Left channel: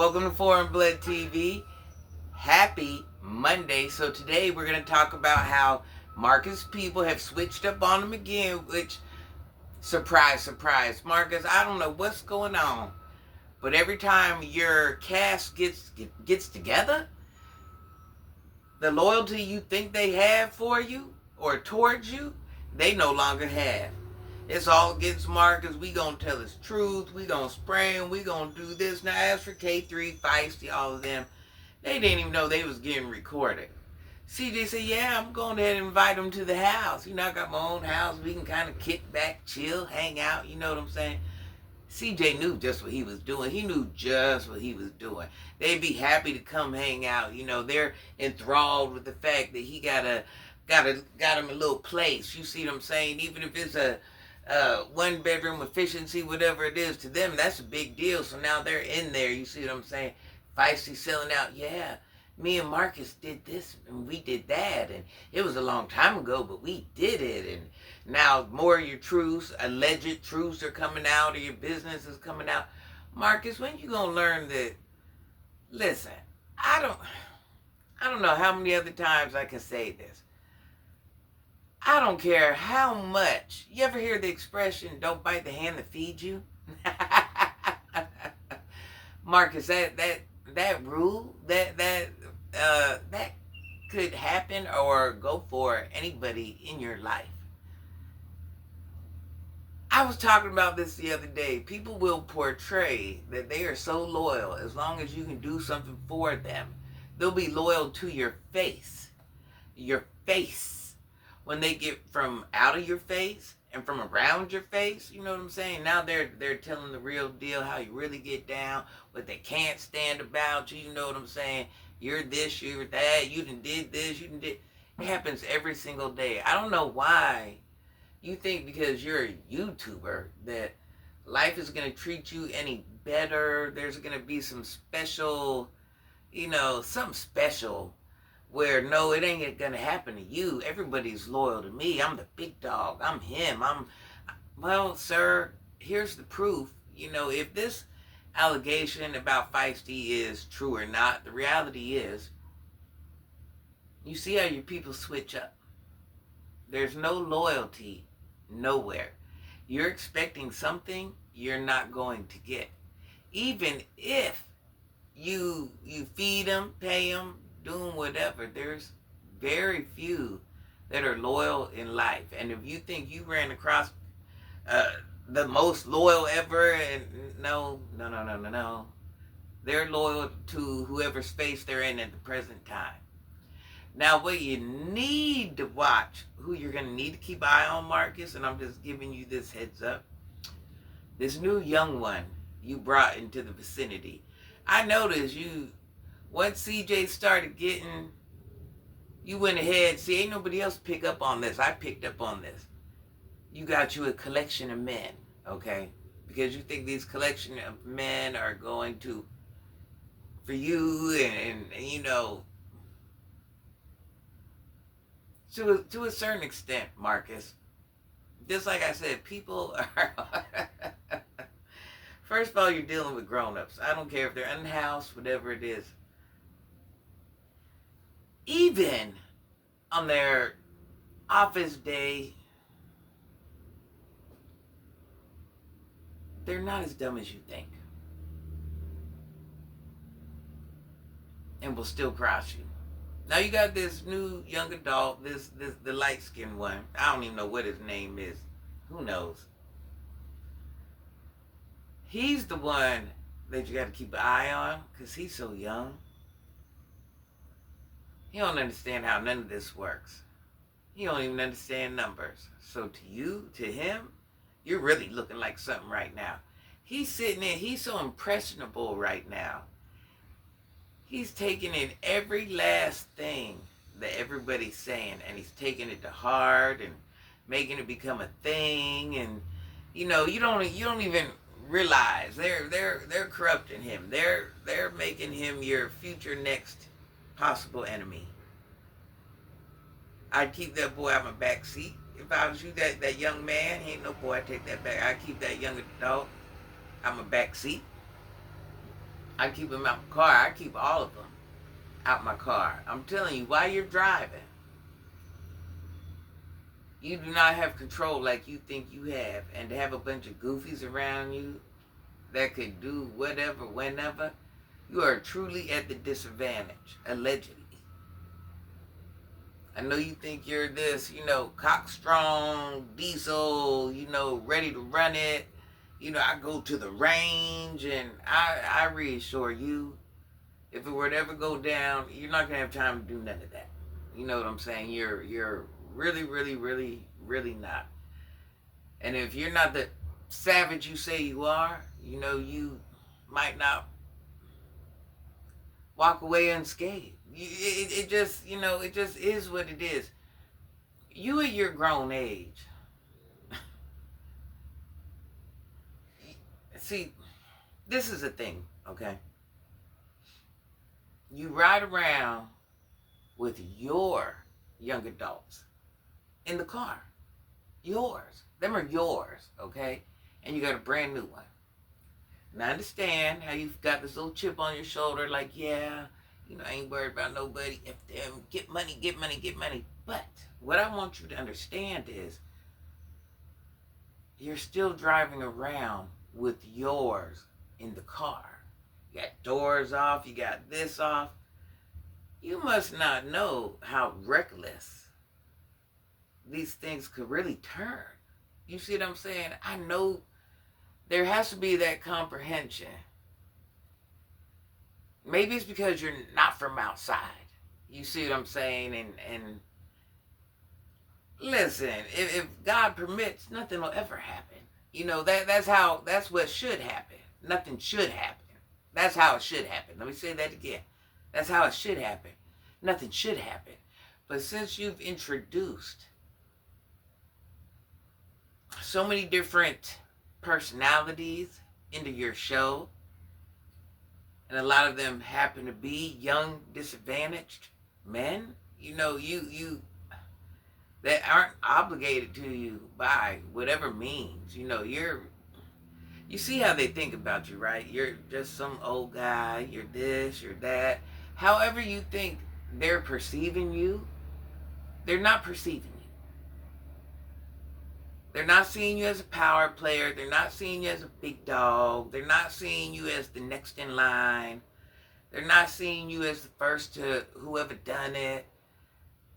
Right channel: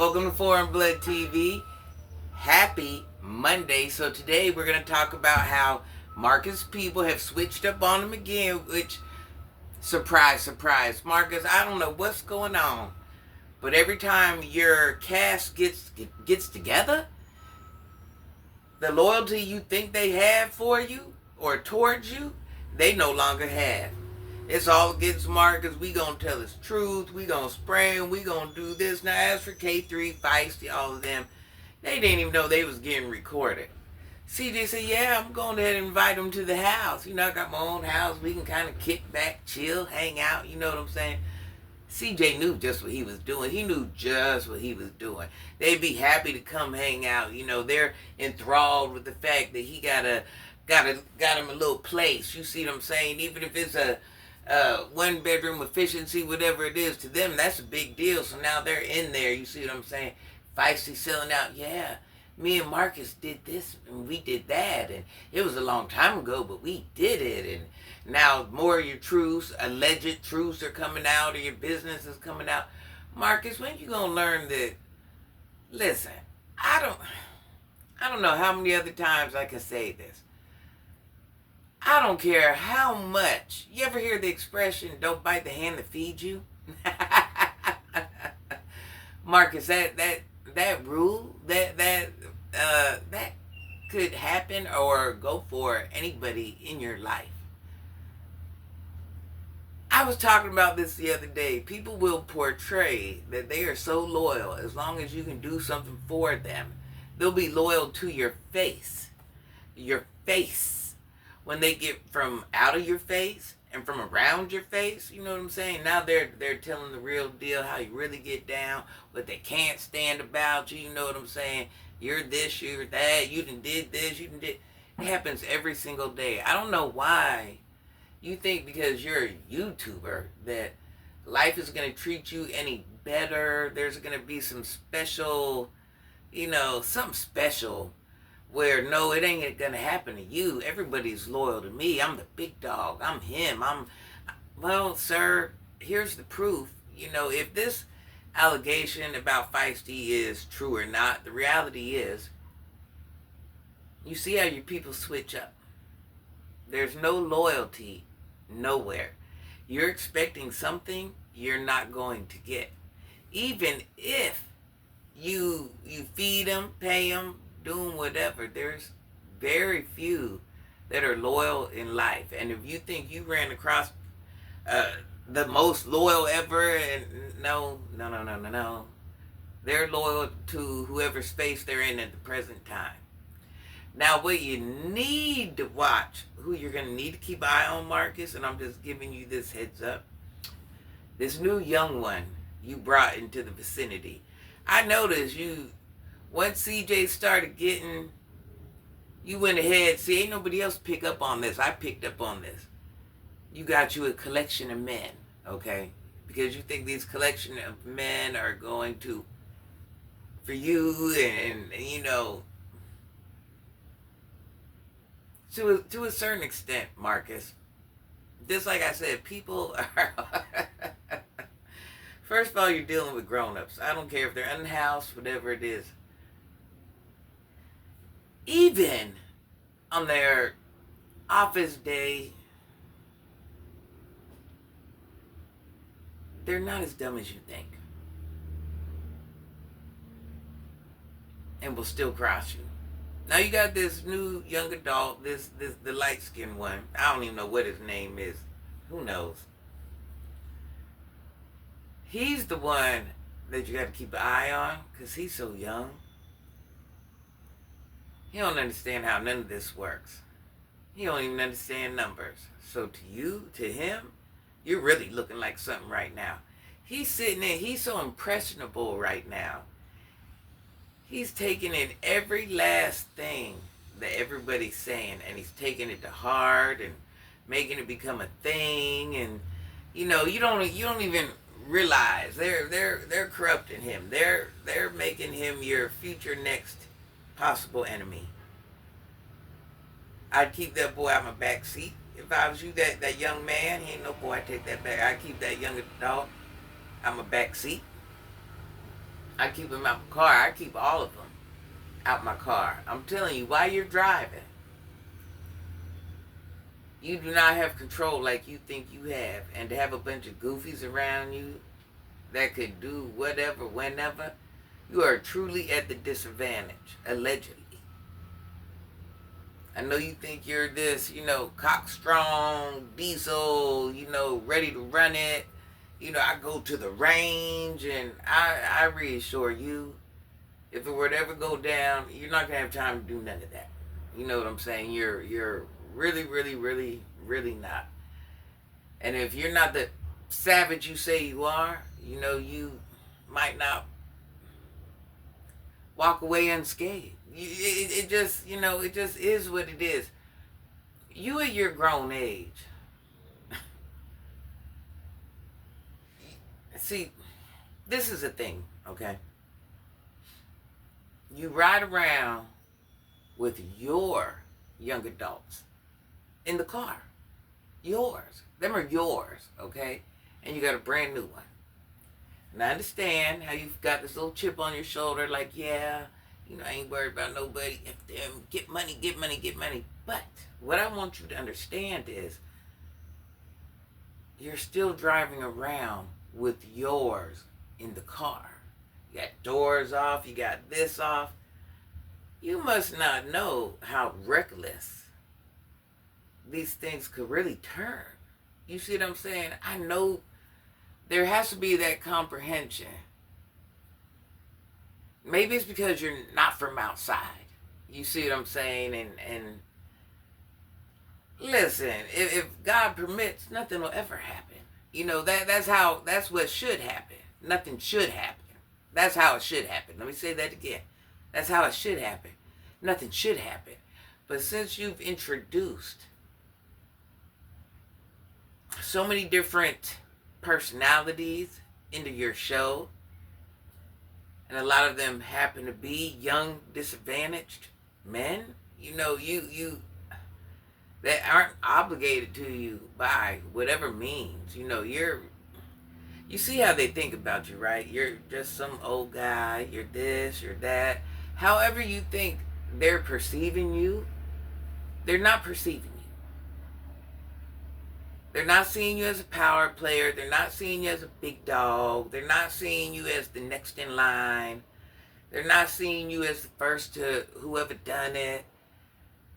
Welcome to Foreign Blood TV. Happy Monday. So today we're going to talk about how Marcus people have switched up on him again, which, surprise, surprise. Marcus, I don't know what's going on, but every time your cast gets together, the loyalty you think they have for you or towards you, they no longer have. It's all against Marcus. We gonna tell his truth. We gonna spray him. We gonna do this. Now, as for K3, Feisty, all of them, they didn't even know they was getting recorded. CJ said, yeah, I'm going ahead and invite them to the house. You know, I got my own house. We can kind of kick back, chill, hang out. You know what I'm saying? CJ knew just what he was doing. He knew just what he was doing. They'd be happy to come hang out. You know, they're enthralled with the fact that he got him a little place. You see what I'm saying? Even if it's a one bedroom efficiency, whatever it is, to them, that's a big deal. So now they're in there. You see what I'm saying? Feisty selling out. Yeah, me and Marcus did this and we did that. And it was a long time ago, but we did it. And now more of your truths, alleged truths are coming out, or your business is coming out. Marcus, when you gonna learn that? Listen, I don't know how many other times I can say this. I don't care how much. You ever hear the expression, don't bite the hand that feeds you? Marcus, that rule, that could happen or go for anybody in your life. I was talking about this the other day. People will portray that they are so loyal as long as you can do something for them. They'll be loyal to your face. Your face. When they get from out of your face and from around your face, you know what I'm saying? Now they're telling the real deal, how you really get down, what they can't stand about you, you know what I'm saying? You're this, you're that, you done did this, you done did. It happens every single day. I don't know why you think because you're a YouTuber that life is going to treat you any better. There's going to be some special, something special. Where, no, it ain't gonna happen to you. Everybody's loyal to me. I'm the big dog. I'm him. Well, sir, here's the proof. If this allegation about Feisty is true or not, the reality is, you see how your people switch up. There's no loyalty nowhere. You're expecting something you're not going to get. Even if you feed them, pay them, doing whatever, there's very few that are loyal in life. And if you think you ran across the most loyal ever, and no, they're loyal to whoever space they're in at the present time. Now, what you need to watch, who you're going to need to keep an eye on, Marcus, and I'm just giving you this heads up, this new young one you brought into the vicinity. I noticed once CJ started getting, you went ahead. See, ain't nobody else pick up on this. I picked up on this. You got you a collection of men, okay? Because you think these collection of men are going to, for you and to a certain extent, Marcus. Just like I said, people are, first of all, you're dealing with grown-ups. I don't care if they're unhoused, whatever it is. Even on their office day, they're not as dumb as you think. And will still cross you. Now you got this new young adult, the light-skinned one. I don't even know what his name is. Who knows? He's the one that you got to keep an eye on because he's so young. He don't understand how none of this works. He don't even understand numbers. So to you, to him, you're really looking like something right now. He's sitting there, he's so impressionable right now. He's taking in every last thing that everybody's saying, and he's taking it to heart and making it become a thing. And you don't even realize they're corrupting him. They're making him your future next possible enemy. I'd keep that boy out my back seat. If I was you, that young man, he ain't no boy, I'd take that back. I'd keep that young adult out my back seat. I keep them out my car. I keep all of them out my car. I'm telling you, while you're driving, you do not have control like you think you have. And to have a bunch of goofies around you that could do whatever, whenever, you are truly at the disadvantage, allegedly. I know you think you're this, cock strong, diesel, ready to run it. I go to the range, and I reassure you, if it were to ever go down, you're not going to have time to do none of that. You know what I'm saying? You're really, really, really, really not. And if you're not the savage you say you are, you might not walk away unscathed. It just is what it is. You at your grown age, see, this is a thing, okay? You ride around with your young adults in the car. Yours. Them are yours, okay? And you got a brand new one. And I understand how you've got this little chip on your shoulder, like, yeah, I ain't worried about nobody. If they get money, get money, get money. But what I want you to understand is you're still driving around with yours in the car. You got doors off, you got this off. You must not know how reckless these things could really turn. You see what I'm saying? I know there has to be that comprehension. Maybe it's because you're not from outside. You see what I'm saying? And listen, if God permits, nothing will ever happen. That's what should happen. Nothing should happen. That's how it should happen. Let me say that again. That's how it should happen. Nothing should happen. But since you've introduced so many different personalities into your show, and a lot of them happen to be young, disadvantaged men, you that aren't obligated to you by whatever means. You see how they think about you, right? You're just some old guy, you're this, you're that. However you think they're perceiving you, they're not perceiving you. They're not seeing you as a power player. They're not seeing you as a big dog. They're not seeing you as the next in line. They're not seeing you as the first to whoever done it.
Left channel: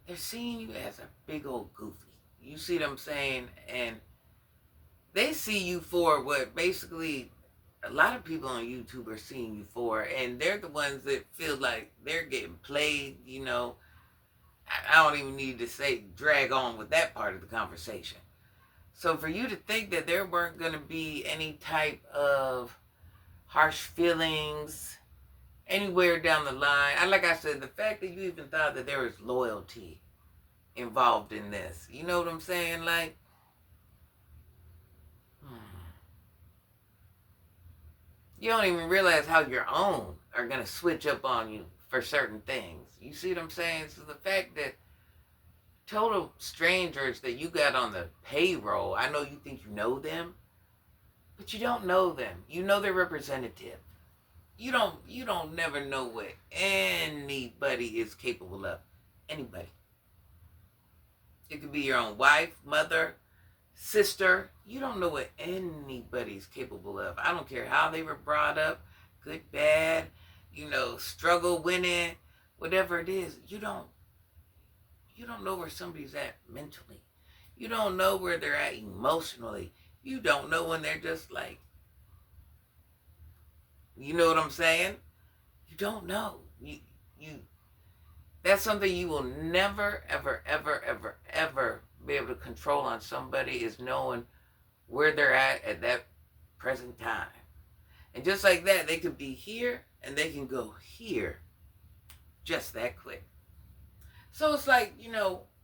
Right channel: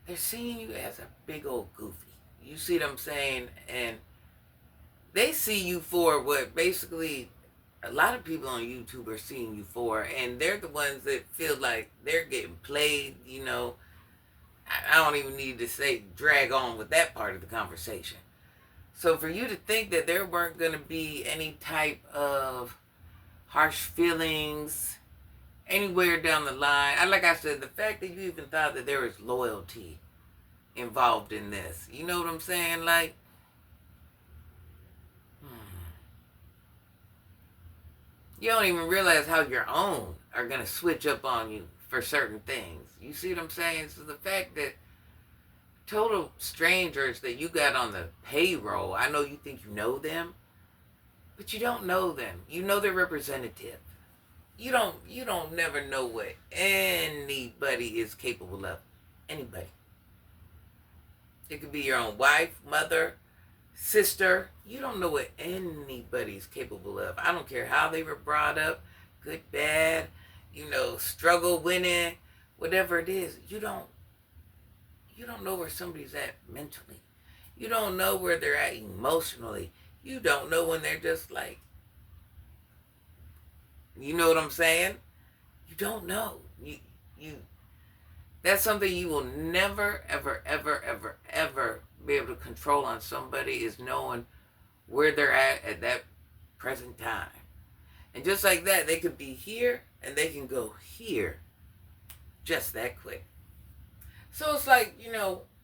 They're seeing you as a big old goofy. You see what I'm saying? And they see you for what basically a lot of people on YouTube are seeing you for. And they're the ones that feel like they're getting played, I don't even need to say drag on with that part of the conversation. So for you to think that there weren't going to be any type of harsh feelings anywhere down the line. Like I said, the fact that you even thought that there was loyalty involved in this. You know what I'm saying? Like, you don't even realize how your own are going to switch up on you for certain things. You see what I'm saying? So the fact that total strangers that you got on the payroll, I know you think you know them, but you don't know them. You know their representative. You don't never know what anybody is capable of. Anybody. It could be your own wife, mother, sister. You don't know what anybody's capable of. I don't care how they were brought up, good, bad, struggle, winning, whatever it is. You don't know where somebody's at mentally. You don't know where they're at emotionally. You don't know when they're just like, you know what I'm saying? You don't know. You that's something you will never, ever, ever, ever, ever be able to control on somebody, is knowing where they're at that present time. And just like that, they could be here and they can go here just that quick. So it's like,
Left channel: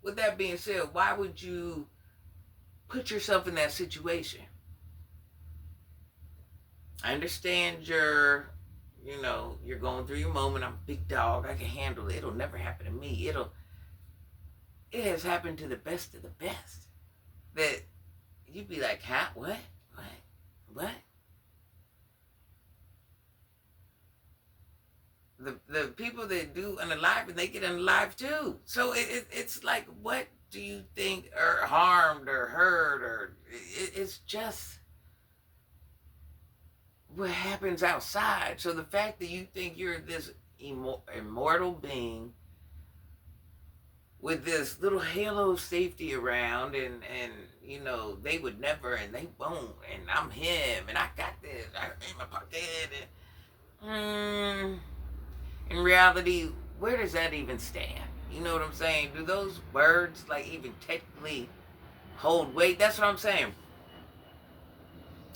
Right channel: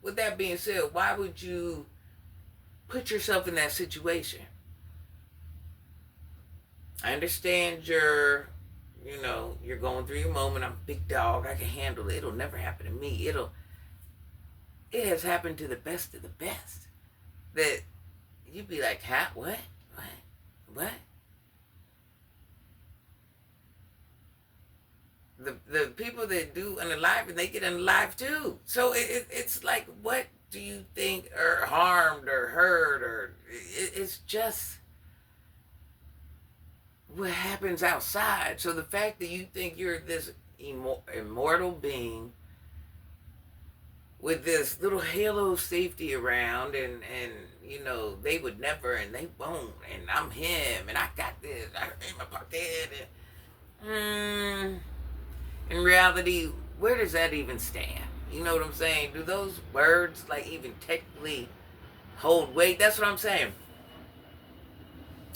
with that being said, why would you put yourself in that situation? I understand you're going through your moment. I'm a big dog. I can handle it. It'll never happen to me. It has happened to the best of the best. That you'd be like, huh? What? the people that do unalive, and they get unalive too. So it's like, what do you think, or harmed or hurt, or it's just what happens outside. So the fact that you think you're this immortal being with this little halo of safety around, and you know, they would never and they won't, and I'm him and I got this, I in my pocket, and in reality, where does that even stand? You know what I'm saying? Do those words like even technically hold weight? That's what I'm saying.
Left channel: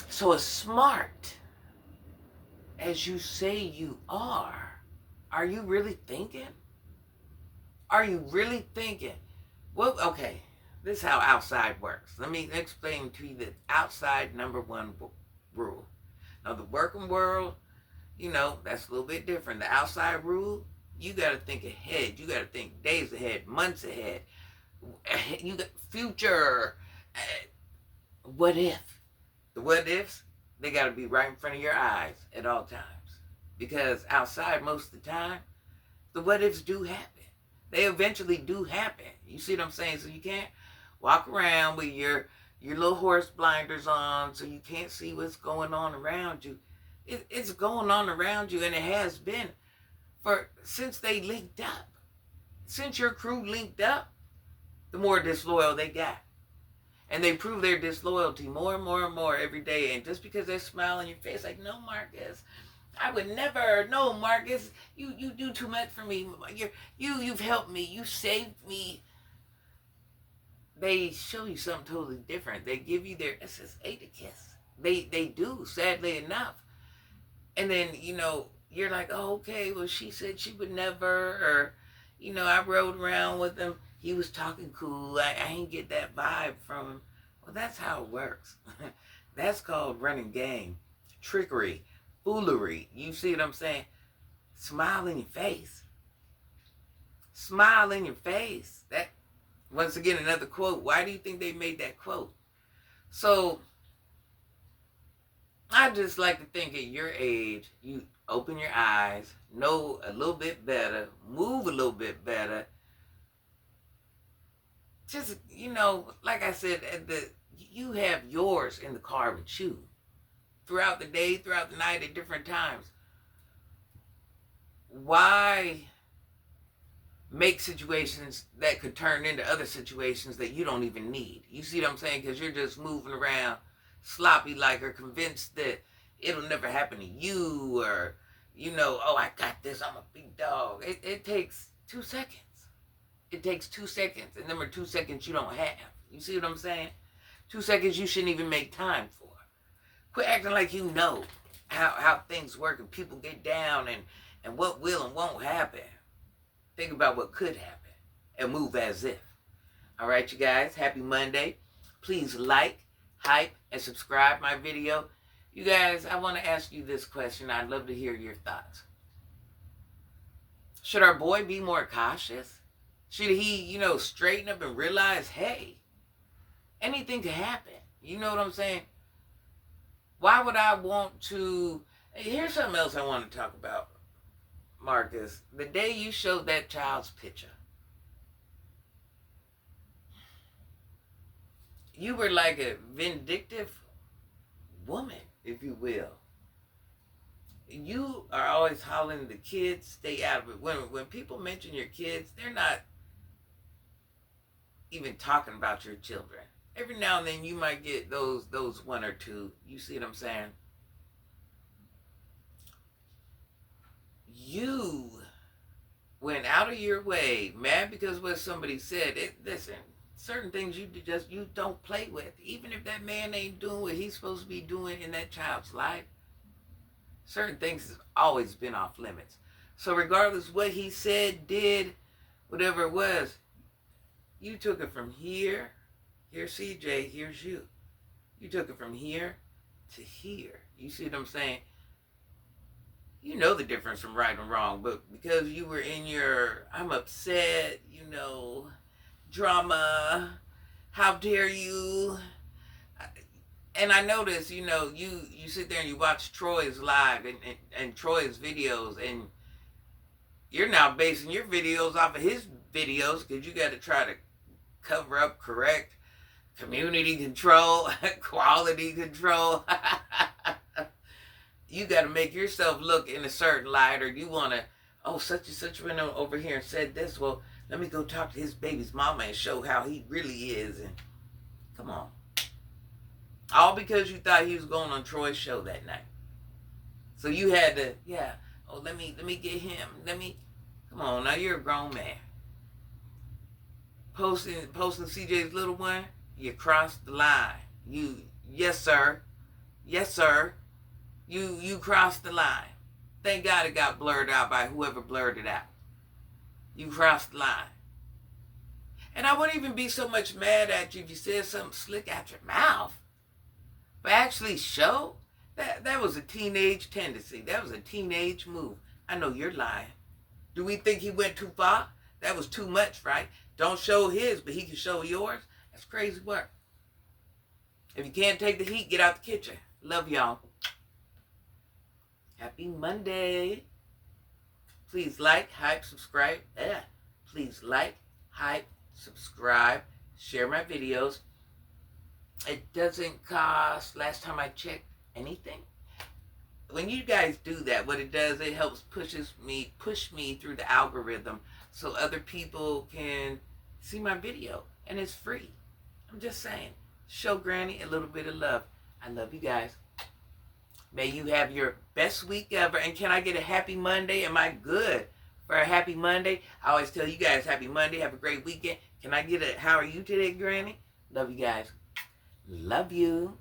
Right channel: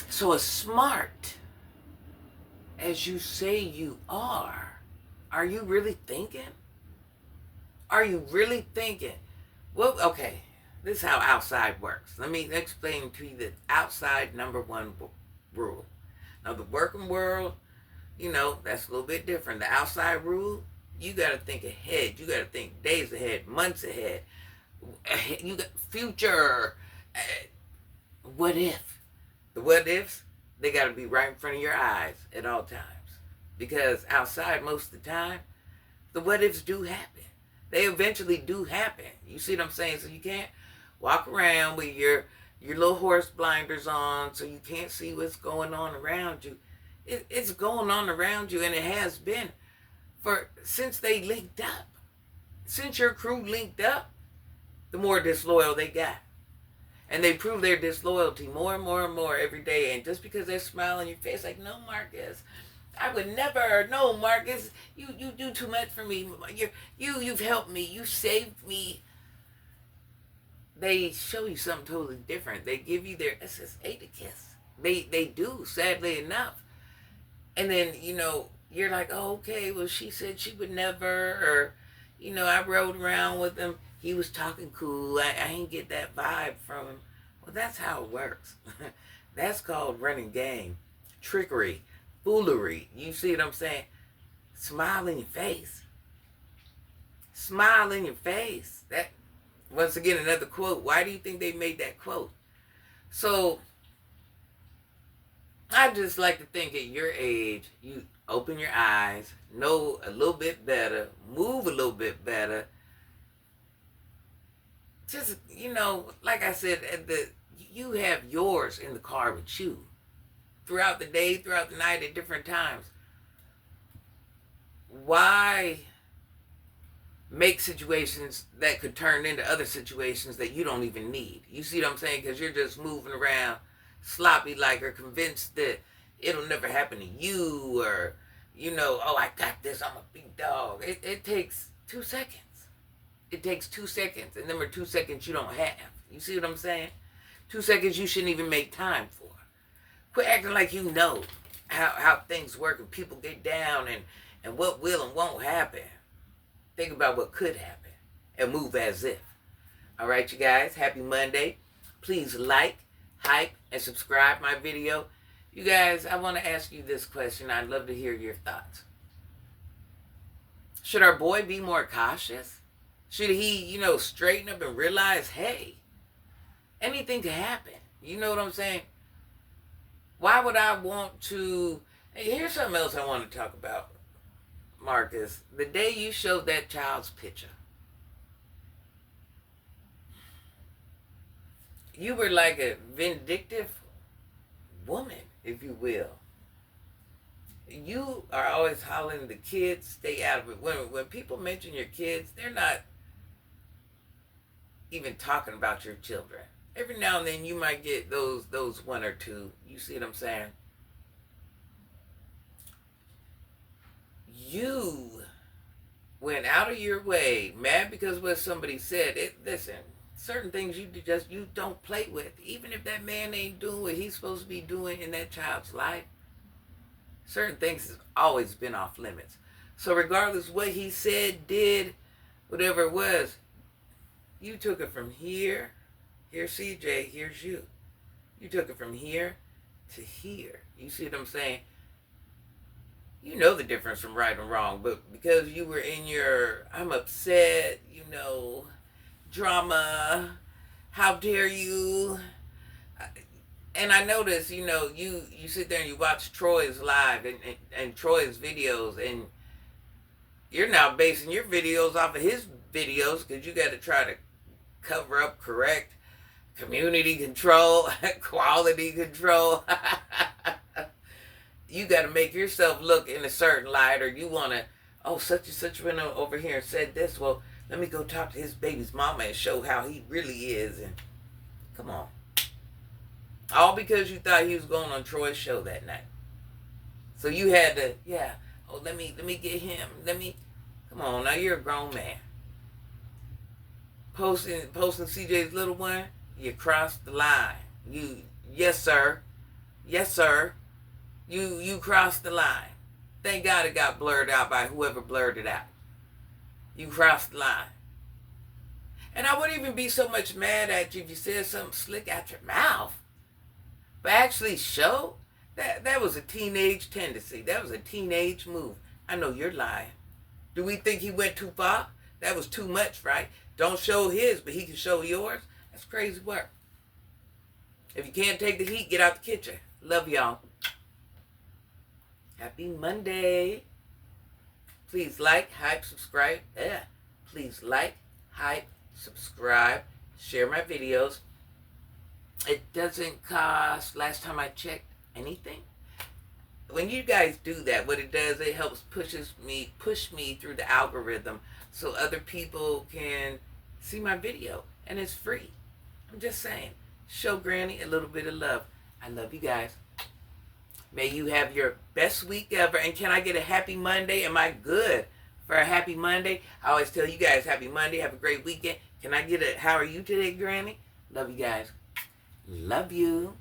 So as smart as you say you are you really thinking? Are you really thinking? Well, okay, this is how outside works. Let me explain to you the outside number one rule. Now, the working world, you know, that's a little bit different. The outside rule, you got to think ahead. You got to think days ahead, months ahead. You got future. What if? The what ifs, they got to be right in front of your eyes at all times. Because outside, most of the time, the what ifs do happen. They eventually do happen. You see what I'm saying? So you can't walk around with your little horse blinders on, so you can't see what's going on around you. It's going on around you, and it has been since they linked up. Since your crew linked up, the more disloyal they got. And they prove their disloyalty more and more and more every day. And just because they're smiling your face like, no, Marcus, I would never. No, Marcus, you do too much for me. You've helped me. You saved me. They show you something totally different. They give you their SSA to kiss. They do, sadly enough. And then, you know, you're like, oh, okay, well, she said she would never. Or, you know, I rode around with him. He was talking cool. I ain't get that vibe from him. Well, that's how it works. That's called running game. Trickery. Foolery. You see what I'm saying? Smile in your face. Smile in your face. That, once again, another quote. Why do you think they made that quote? So, I just like to think at your age, you open your eyes, know a little bit better, move a little bit better. Just, you know, like I said, you have yours in the car with you. Throughout the day, throughout the night, at different times. Why make situations that could turn into other situations that you don't even need? You see what I'm saying? Because you're just moving around sloppy like, or convinced that it'll never happen to you, or, you know, oh, I got this, I'm a big dog. It takes 2 seconds. It takes 2 seconds. And number 2 seconds you don't have. You see what I'm saying? 2 seconds you shouldn't even make time for. Quit acting like you know how things work and people get down and what will and won't happen. Think about what could happen and move as if. All right, you guys, happy Monday. Please like, hype, and subscribe my video. You guys, I want to ask you this question. I'd love to hear your thoughts. Should our boy be more cautious? Should he, you know, straighten up and realize, hey, anything could happen? You know what I'm saying? Why would I want to... Here's something else I want to talk about, Marcus. The day you showed that child's picture, you were like a vindictive woman, if you will. You are always hollering the kids, stay out of it. When people mention your kids, they're not even talking about your children. Every now and then you might get those one or two. You see what I'm saying? You went out of your way, mad because what somebody said. Listen, certain things you don't play with. Even if that man ain't doing what he's supposed to be doing in that child's life, certain things has always been off limits. So regardless what he said, did, whatever it was, you took it from here. Here's CJ, here's you. You took it from here to here. You see what I'm saying? You know the difference from right and wrong, but because you were in your, I'm upset, you know, drama, how dare you? And I notice, you know, you sit there and you watch Troy's live and Troy's videos, and you're now basing your videos off of his videos because you got to try to cover up, correct, community control, quality control. You got to make yourself look in a certain light, or you want to, oh, such and such went over here and said this. Well, let me go talk to his baby's mama and show how he really is. And come on. All because you thought he was going on Troy's show that night. So you had to, yeah, oh, let me get him. Come on, now you're a grown man. Posting CJ's little one, you crossed the line. Yes, sir. You crossed the line. Thank God it got blurred out by whoever blurred it out. You crossed the line. And I wouldn't even be so much mad at you if you said something slick out your mouth. But actually show, that was a teenage tendency. That was a teenage move. I know you're lying. Do we think he went too far? That was too much, right? Don't show his, but he can show yours. That's crazy work. If you can't take the heat, get out the kitchen. Love y'all. Happy Monday. Please like, hype, subscribe. Please like, hype, subscribe, share my videos. It doesn't cost, last time I checked, anything. When you guys do that, what it does, it helps push me through the algorithm so other people can see my video. And it's free. I'm just saying. Show Granny a little bit of love. I love you guys. May you have your best week ever. And can I get a happy Monday? Am I good for a happy Monday? I always tell you guys, happy Monday. Have a great weekend. Can I get a how are you today, Granny? Love you guys. Love you.